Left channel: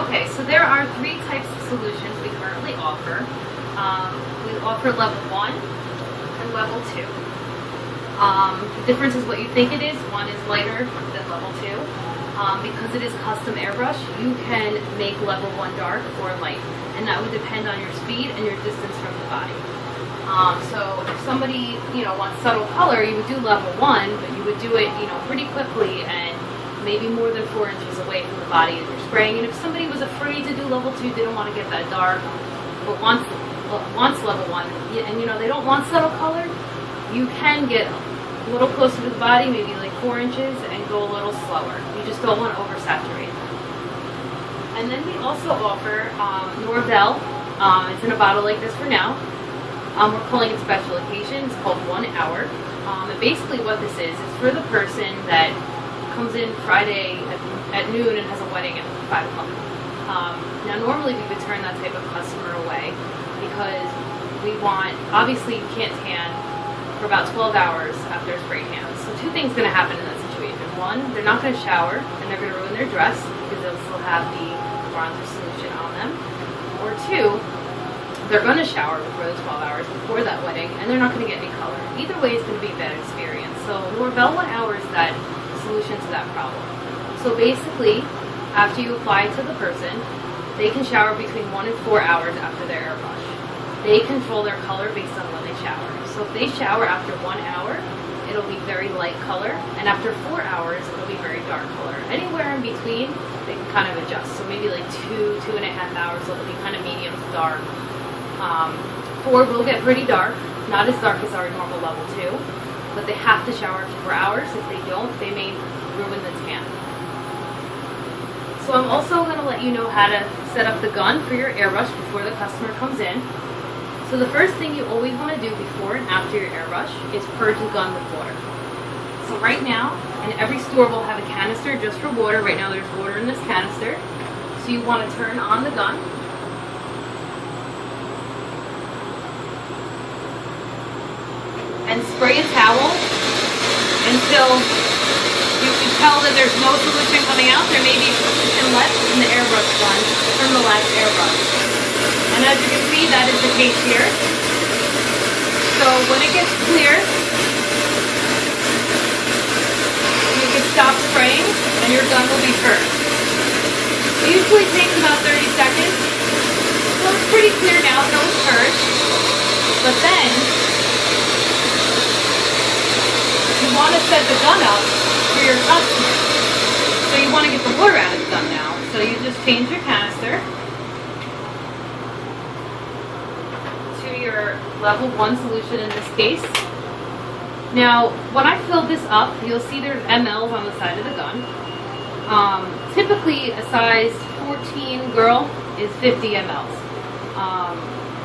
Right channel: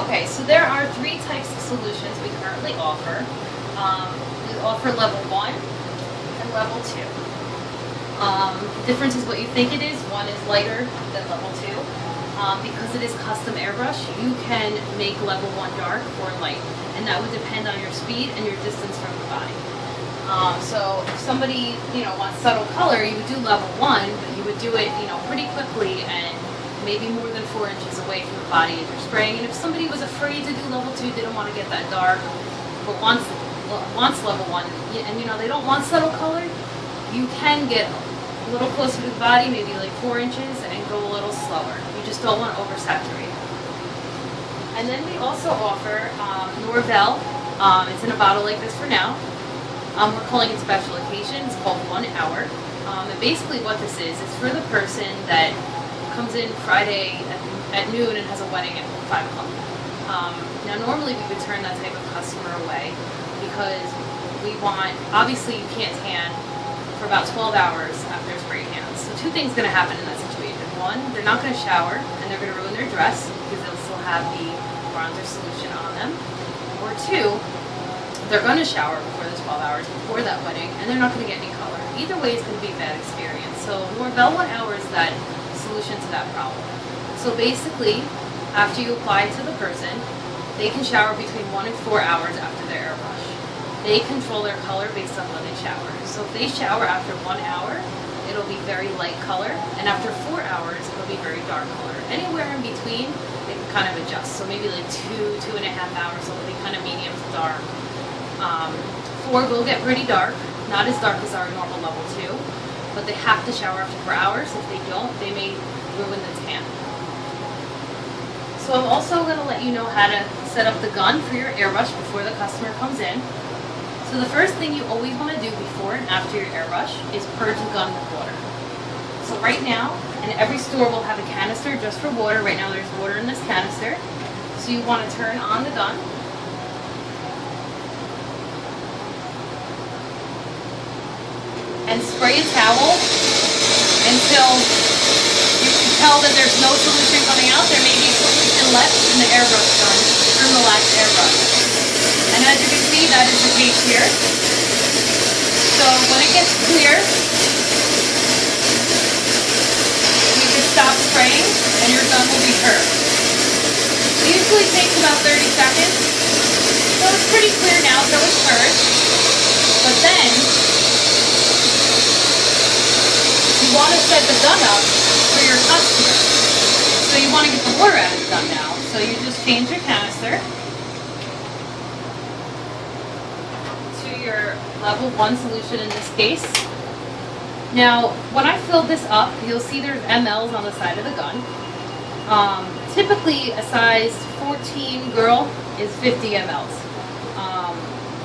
Okay, so there are 3 types of solutions we currently offer. We offer level 1 and level 2. The difference is what you think it is. One is lighter than level 2. Because it is custom airbrush, you can make level 1 dark or light, and that would depend on your speed and your distance from the body. So if somebody, wants subtle color, you would do level 1, but you would do it, pretty quickly and maybe more than 4 inches away from the body as you're spraying. And if somebody was afraid to do level 2, they don't want to get that dark, but wants level 1, and they don't want subtle color, you can get a little closer to the body, maybe like 4 inches, and go a little slower. You just don't want to oversaturate. And then we also offer Norvell. It's in a bottle like this for now. We're calling it special occasion. It's called 1 hour. And basically what this is for the person that comes in Friday at noon and has a wedding at 5 o'clock. Now normally we would turn that type of customer away because we want, obviously you can't tan for about 12 hours after spray cans. So 2 things going to happen in that situation. 1, they're not going to shower and they're going to ruin their dress because they'll still have the bronzer solution on them. Or 2, they're going to shower before the 12 hours before that wedding and they're not going to get any color. Either way it's going to be a bad experience. So Norvell 1 hour is that solution to that problem. So basically, after you apply it to the person, they can shower between 1 and 4 hours after their airbrush. They control their color based on when they shower. So if they shower after 1 hour, it'll be very light color, and after 4 hours, it'll be very dark color. Anywhere in between, they can kind of adjust. So maybe like 2.5 hours, it'll be kind of medium to dark. 4 will get pretty dark, not as dark as our normal level 2, but they have to shower after 4 hours. If they don't, they may ruin the tan. So I'm also going to let you know how to set up the gun for your airbrush before the customer comes in. So the first thing you always want to do before and after your airbrush is purge the gun with water. So right now, and every store will have a canister just for water. Right now there's water in this canister. So you want to turn on the gun. And spray a towel until you can tell that there's no solution coming out. There may be solution left in the airbrush gun from the last airbrush. And as you can see, that is the case here. So when it gets clear, you can stop spraying and your gun will be purged. It usually takes about 30 seconds. So it's pretty clear now, so it's purged. But then, you want to set the gun up for your customer. So you want to get the water out of the gun now. So you just change your canister to your level 1 solution in this case. Now, when I filled this up, you'll see there's mLs on the side of the gun. Typically, a size 14 girl is 50 mLs.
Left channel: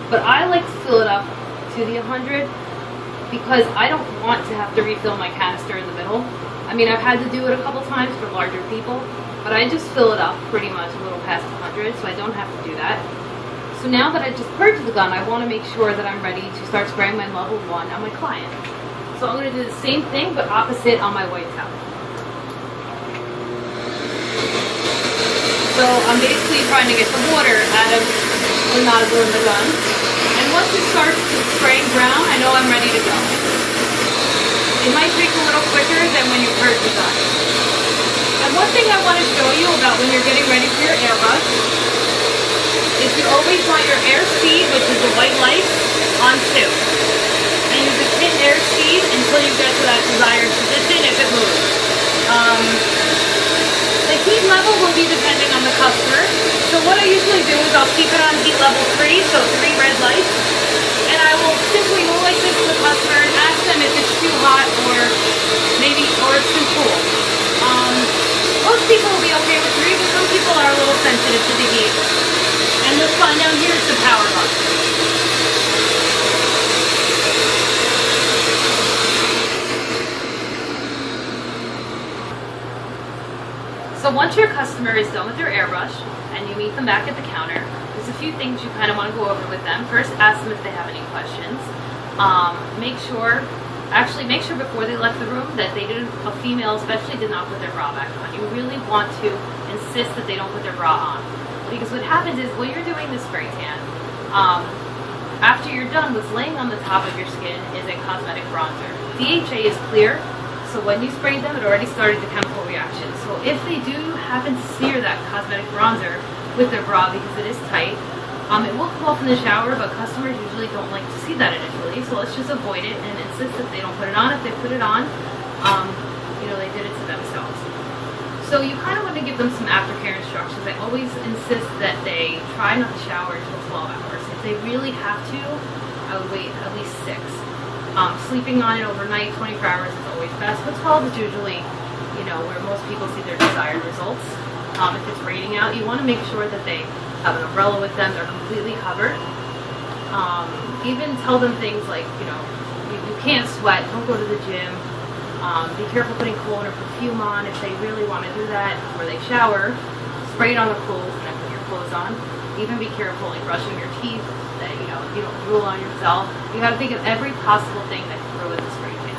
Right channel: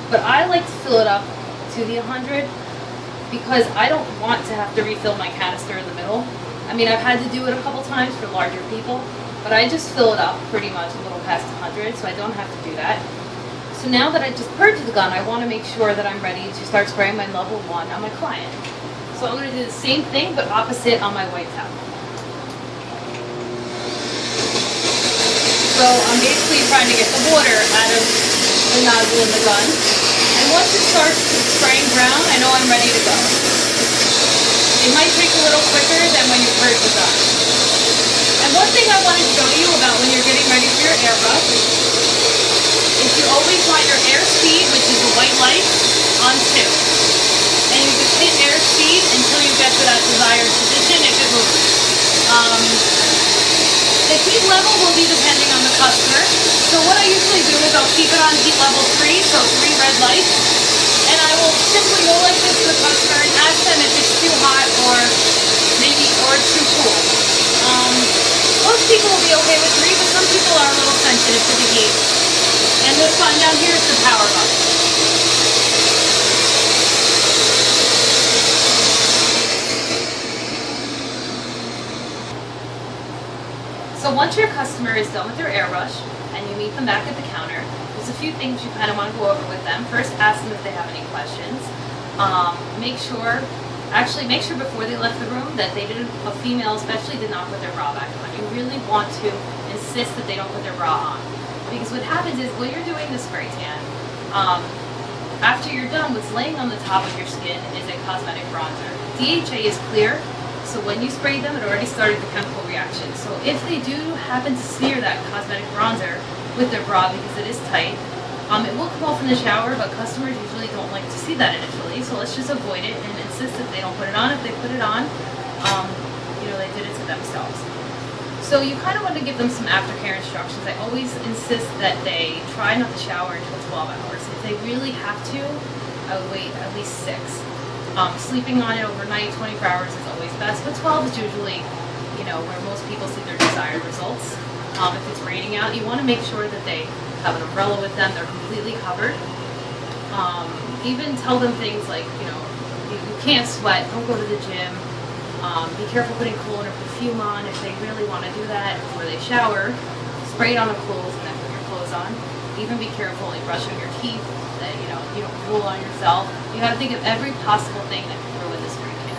But I like to fill it up to the 100 because I don't want to have to refill my canister in the middle. I mean, I've had to do it a couple times for larger people, but I just fill it up pretty much a little past 100, so I don't have to do that. So now that I just purged the gun, I want to make sure that I'm ready to start spraying my level 1 on my client. So I'm going to do the same thing, but opposite on my white towel. So I'm basically trying to get the water out of the nozzle in the gun. And once it starts spraying brown, I know I'm ready to go. It might take a little quicker than when you purge the gun. And one thing I want to show you about when you're getting ready for your airbrush is you always want your airspeed, which is the white light, on 2. And you just hit airspeed until you get to that desired position if it moves. The heat level will be depending on the customer. So what I usually do is I'll keep it on heat level 3, so 3 red lights. And I will simply go like this to the customer and ask them if it's too hot or too cool. Most people will be okay with 3, but some people are a little sensitive to the heat. And this button down here is the power button. So once your customer is done with their airbrush and you meet them back at the counter, there's a few things you kind of want to go over with them. First, ask them if they have any questions. Make sure before they left the room that a female especially did not put their bra back on. You really want to insist that they don't put their bra on. because what happens is when you're doing the spray tan, after you're done, what's laying on the top of your skin is a cosmetic bronzer. DHA is clear, so when you spray them, it already started the chemical reaction. So if they do happen to smear that cosmetic bronzer with their bra because it is tight, it will come off in the shower, but customers usually don't like to see that initially, so let's just avoid it and insist that they don't put it on. If they put it on, they did it to themselves. So you kind of want to give them some aftercare instructions. I always insist that they try not to shower until 12 hours. If they really have to, I would wait at least 6. Sleeping on it overnight, 24 hours is always best, but 12 is usually, where most people see their desired results. If it's raining out, you want to make sure that they have an umbrella with them, they're completely covered. Even tell them things like, you can't sweat, don't go to the gym. Be careful putting cologne or perfume on. If they really want to do that before they shower, spray it on the clothes and then put your clothes on. Even be careful in brushing your teeth, that you don't drool on yourself. You got to think of every possible thing that can ruin the spray tan.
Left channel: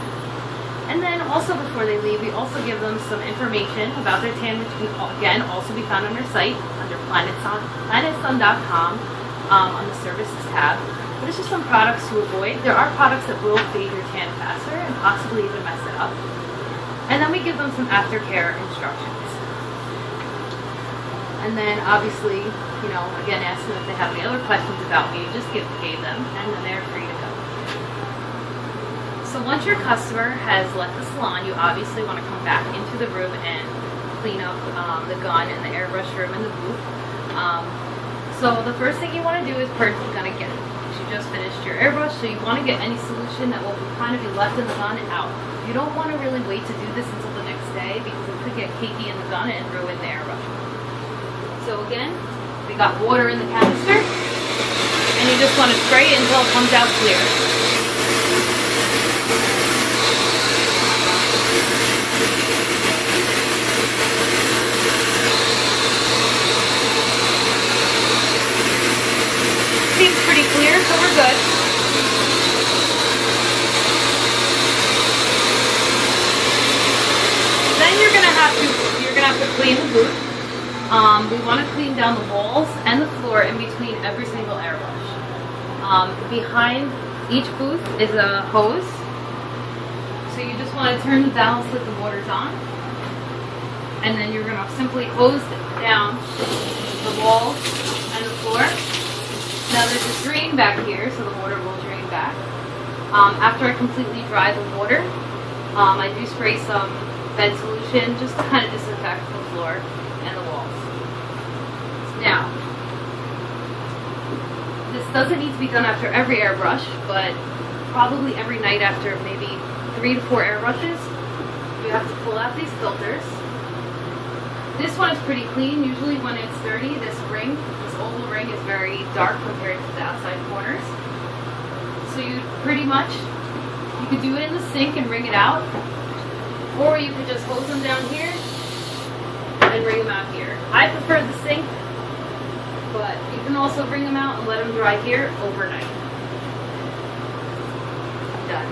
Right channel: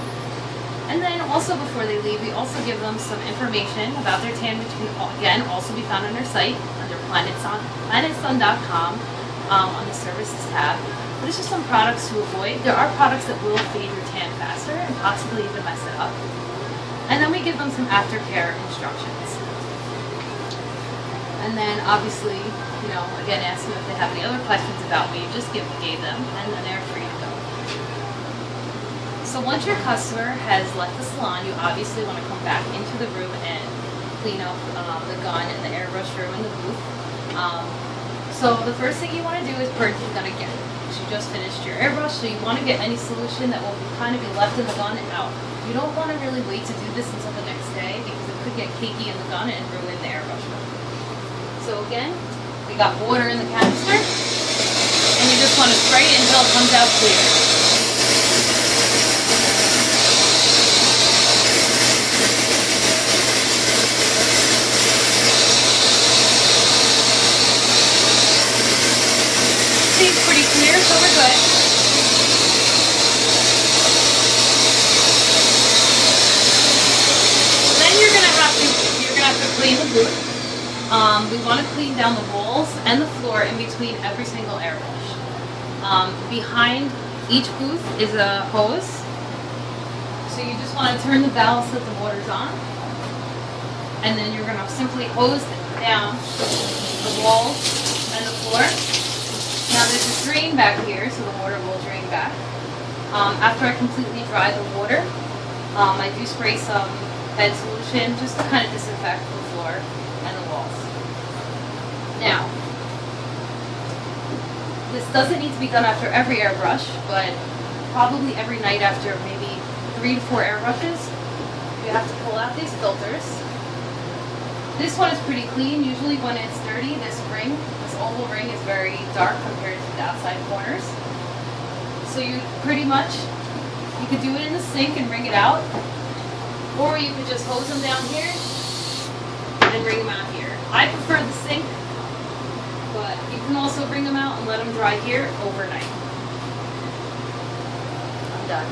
And then also before they leave, we also give them some information about their tan, which can again also be found on our site under planetsun.com on the services tab. But it's just some products to avoid. There are products that will fade your tan faster and possibly even mess it up. And then we give them some aftercare instructions. And then obviously, again, ask them if they have any other questions about me, just gave them, and then they're free to go. So once your customer has left the salon, you obviously want to come back into the room and clean up the gun and the airbrush room and the booth. So the first thing you want to do is purge the gun again. You just finished your airbrush, so you want to get any solution that will kind of be left in the gun out. You don't want to really wait to do this until the next day because it could get cakey in the gun and ruin the airbrush. So again, we got water in the canister, and you just want to spray it until it comes out clear. Seems pretty clear, so we're good. Then you're gonna have to clean the booth. We want to clean down the walls and the floor in between every single airbrush. Behind each booth is a hose, so you just want to turn the valve so that the water's on, and then you're gonna simply hose down the walls and the floor. Now there's a drain back here, so the water will drain back. After I completely dry the water, I do spray some med solution just to kind of disinfect the floor and the walls. Now, this doesn't need to be done after every airbrush, but probably every night after maybe 3 to 4 airbrushes, you have to pull out these filters. This one is pretty clean. Usually when it's dirty, this oval ring is very dark compared to the outside corners. So you could do it in the sink and wring it out, or you could just hose them down here and wring them out here. I prefer the sink, but you can also wring them out and let them dry here overnight. I'm done.